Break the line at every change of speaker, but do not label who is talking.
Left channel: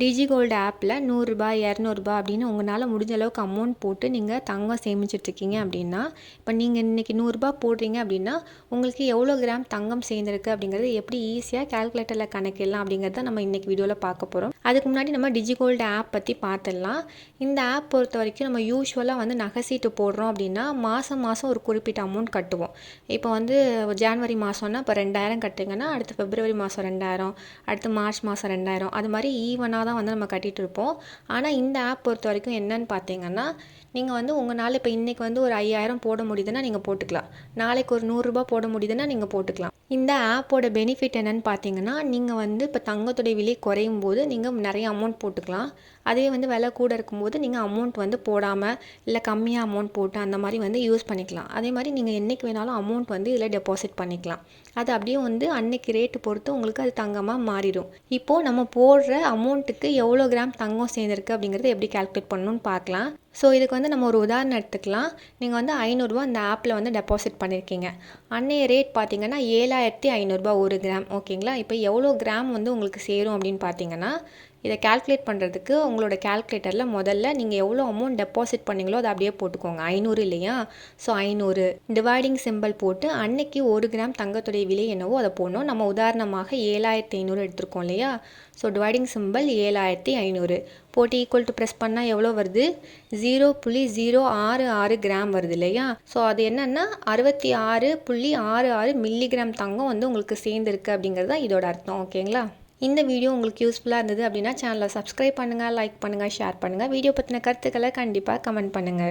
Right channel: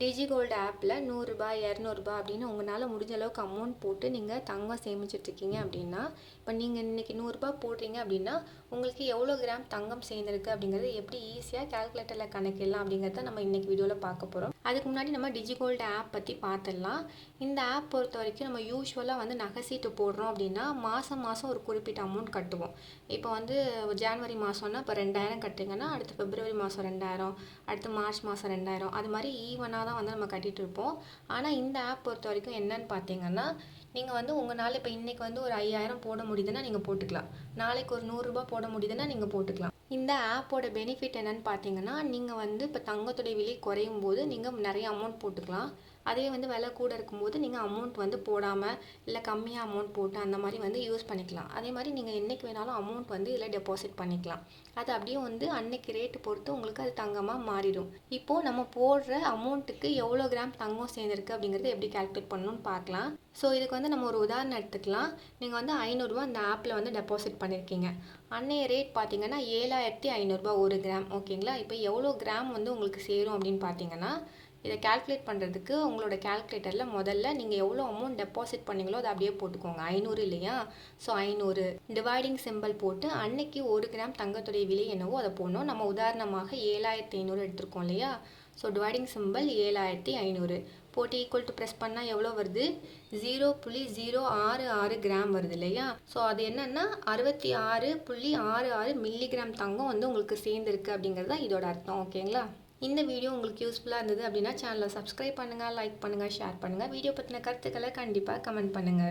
டிஜி gold ஆப்பில் நூறுரூபா இரநூறுபா அப்படின்னு உங்களால் முடிஞ்ச அளவுக்கு அமௌண்ட் போட்டு நீங்கள் தங்கம் சேமிச்சிட்ருக்கீங்க அப்படின்னா இப்போ நீங்கள் இன்றைக்கி நூறுரூபா போடுறீங்க அப்படின்னா உங்களுக்கு எவ்வளோ கிராம் தங்கம் சேர்ந்துருக்கு அப்படிங்கிறது எப்படி ஈஸியாக கால்குலேட்டரில் கணக்கிடலாம் அப்படிங்கிறத நம்ம இன்றைக்கி வீடியோவில் பார்க்க போகிறோம் அதுக்கு முன்னாடி நம்ம டிஜி கோல்டு ஆப் பற்றி பார்த்துடலாம். இந்த ஆப் பொறுத்த வரைக்கும் நம்ம யூஸ்வலாக வந்து நகை சீட்டு போடுறோம் அப்படின்னா மாதம் மாதம் ஒரு குறிப்பிட்ட அமௌண்ட் கட்டுவோம். இப்போ வந்து ஜான்வரி மாதம்னா இப்போ ரெண்டாயிரம் கட்டுங்கன்னா அடுத்து பிப்ரவரி மாதம் ரெண்டாயிரம் அடுத்து மார்ச் மாதம் ரெண்டாயிரம். அது மாதிரி ஈவனாக தான் வந்து நம்ம கட்டிகிட்டு இருப்போம். ஆனால் இந்த ஆப் பொறுத்த வரைக்கும் என்னன்னு பார்த்தீங்கன்னா நீங்கள் வந்து உங்களால் இப்போ இன்றைக்கி வந்து ஒரு ஐயாயிரம் போட முடியுதுன்னா நீங்கள் போட்டுக்கலாம். நாளைக்கு ஒரு நூறுரூபா போட முடியுதுன்னா நீங்கள் போட்டுக்கலாம். இந்த ஆப்போட பெனிஃபிட் என்னென்னு பார்த்தீங்கன்னா நீங்கள் வந்து இப்போ தங்கத்துடைய விலை குறையும் போது நீங்கள் நிறைய அமௌண்ட் போட்டுக்கலாம். அதே வந்து விலை கூட இருக்கும்போது நீங்கள் அமௌண்ட் வந்து போடாமல் இல்லை கம்மியாக அமௌண்ட் போட்டு அந்த மாதிரி வந்து யூஸ் பண்ணிக்கலாம். அதே மாதிரி நீங்கள் என்றைக்கு வேணாலும் அமௌண்ட் வந்து இதில் டெபாசிட் பண்ணிக்கலாம். அது அப்படியே வந்து அன்னைக்கு ரேட்டு பொறுத்து உங்களுக்கு அது தங்கமாக மாறிடும். இப்போது நம்ம போடுற அமௌண்ட்டுக்கு எவ்வளோ கிராம் தங்கம் சேர்ந்துருக்கு அப்படிங்கிறத எப்படி கால்குலேட் பண்ணணும்னு பார்க்கலாம் ஸோ இதுக்கு வந்து நம்ம ஒரு உதாரணம் எடுத்துக்கலாம். நீங்கள் வந்து ஐநூறுரூவா அந்த ஆப்பில் வந்து டெபாசிட் பண்ணியிருக்கீங்க அன்னைய ரேட் பார்த்தீங்கன்னா ஏழாயிரத்தி ஐநூறுரூபா ஒரு கிராம் ஓகேங்களா இப்போ எவ்வளோ கிராம் வந்து உங்களுக்கு சேரும் அப்படின்னு பார்த்தீங்கன்னா இதை கால்குலேட் பண்ணுறதுக்கு உங்களோட கால்குலேட்டரில் முதல்ல நீங்கள் எவ்வளோ அமௌண்ட் டெபாசிட் பண்ணீங்களோ அதை அப்படியே போட்டுக்கோங்க. ஐநூறு இல்லையா? ஸோ ஐநூறு. டிவைடிங் சிம்பிள் போட்டு அன்னைக்கு ஒரு கிராம் தங்கத்துடைய விலை என்னவோ அதை போடணும். நம்ம உதாரணமாக ஏழாயிரத்தி ஐநூறு எடுத்திருக்கோம் இல்லையா? ஸோ டிவைடிங் சிம்பிள் ஏழாயிரத்தி ஐநூறு. போட்டு ஈக்குவல் டு ப்ரெஸ் பண்ணால் எவ்வளோ வருது? ஜீரோ புள்ளி ஜீரோ ஆறு ஆறு கிராம் வருது இல்லையா? ஸோ அது என்னென்னா அறுபத்தி ஆறு புள்ளி ஆறு ஆறு மில்லிகிராம் தங்கம் வந்து உங்களுக்கு சேர்ந்துருக்கு அப்படிங்கிறது தான் இதோட அர்த்தம். ஓகேங்களா இந்த வீடியோ உங்களுக்கு யூஸ்ஃபுல்லாக இருந்தது அப்படின்னா சேனலை சப்ஸ்கிரைப் பண்ணுங்கள் லைக் பண்ணுங்கள் ஷேர் பண்ணுங்கள் வீடியோ பற்றின கருத்துக்களை கண்டிப்பாக கமெண்ட் பண்ணுங்கள்